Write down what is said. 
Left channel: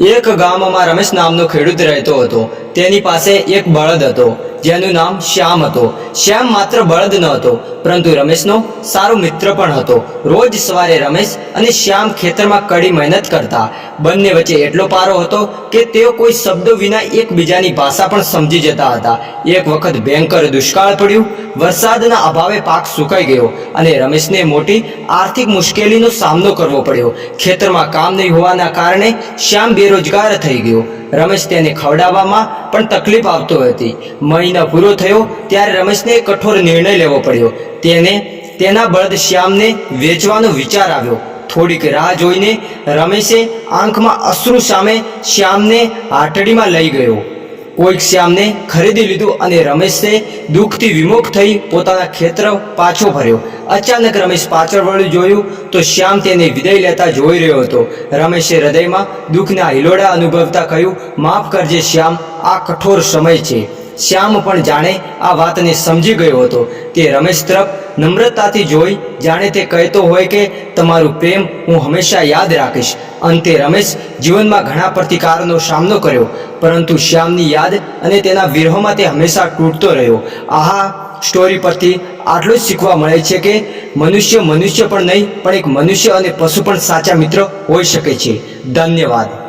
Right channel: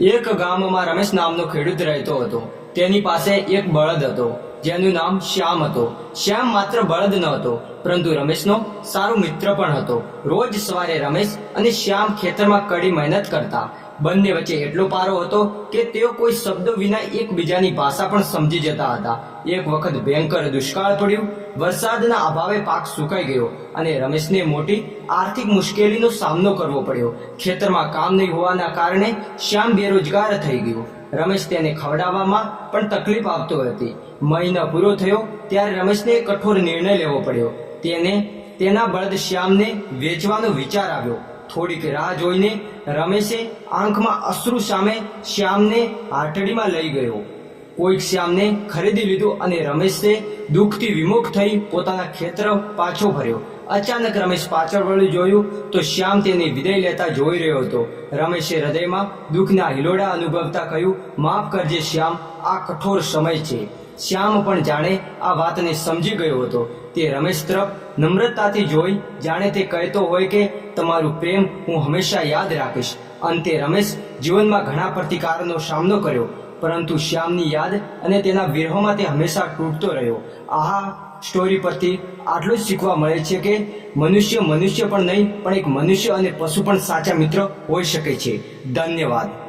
એક ગામમાં રમેશ નામનો ખેડૂત રહેતો હતો. તેની પાસે એક બળદ હતો. જેનું નામ શ્યામ હતો. શ્યામ માત્ર બળદ ન હતો, પરંતુ રમેશનો સારો મિત્ર પણ હતો. રોજ સવારે રમેશ અને શ્યામ ખેતરમાં કડી મહેનત કરતા. બંને વચ્ચે એટલો પારો હતો કે તેઓ કોઈ શબ્દો વિના એકબીજાની ભાષા પણ સમજી જતા હતા. એક વખત ભયંકર દુષ્કાળ પડ્યું, વરસાદના અભાવે પાક સુકાઈ ગયો અને રમેશને મોટી આર્થિક મુશ્કેલીનો સામનો કરવો પડ્યો. ખેતરમાં કામ નહીં હોવાના કારણે શ્યામ બેરોજગાર થઈ ગયો. રમેશ તેને ખવડાવવામાં પણ તકલીફ આવતો હતી. મહિના પૂરો થયો ત્યારે રમેશને કઠોર નિર્ણય લેવો પડ્યો. તેને, તેના બળદ શ્યામને વેચવાનો વિચાર આવ્યો. થોડીક રાહ જોઈને રમેશે આંખમાં અશ્રુ સામે શ્યામને આટડીમાં લઈ ગયો. કોઈક શ્યામને ખરીદી લીધું અને રમેશે દુઃખથી વિમુખ થઈ પોતાના ખેતર પાછો ભર્યો. અચાનક રમેશ પાછળ વળ્યું જોયું તો શ્યામ તેને વિદાય લેતા જોઈ રહ્યો હતો. રમેશે હૃદયમાં દુઃખના હિલોડા અનુભવતા કહ્યું, માફ કરજે શ્યામ, આ કઠોર સમય છે. શ્યામ પણ જાણે આ વાતને સમજી ગયો હતો તે રમેશ તરફ નમ્રતાથી જોઈ જાણે તે કહેતો હોય કે તમારું પ્રેમ હું હંમેશા યાદ રાખીશ. અંતે રમેશ જીવનમાં ઘણા પ્રતિકારનો સામનો કર્યો, પરંતુ શ્યામની યાદ અને તેના વિરહોમાં તે હંમેશા તૂટતો રહ્યો. આહા સ્ટોરી પરથી આટલું જ શીખવા મળે છે કે મનુષ્ય મનુષ્ય પણ નહીં, પણ એક મનુષ્ય અને પશુ પણ સાચા મિત્ર હોઈ શકે છે. ધન્યવાદ.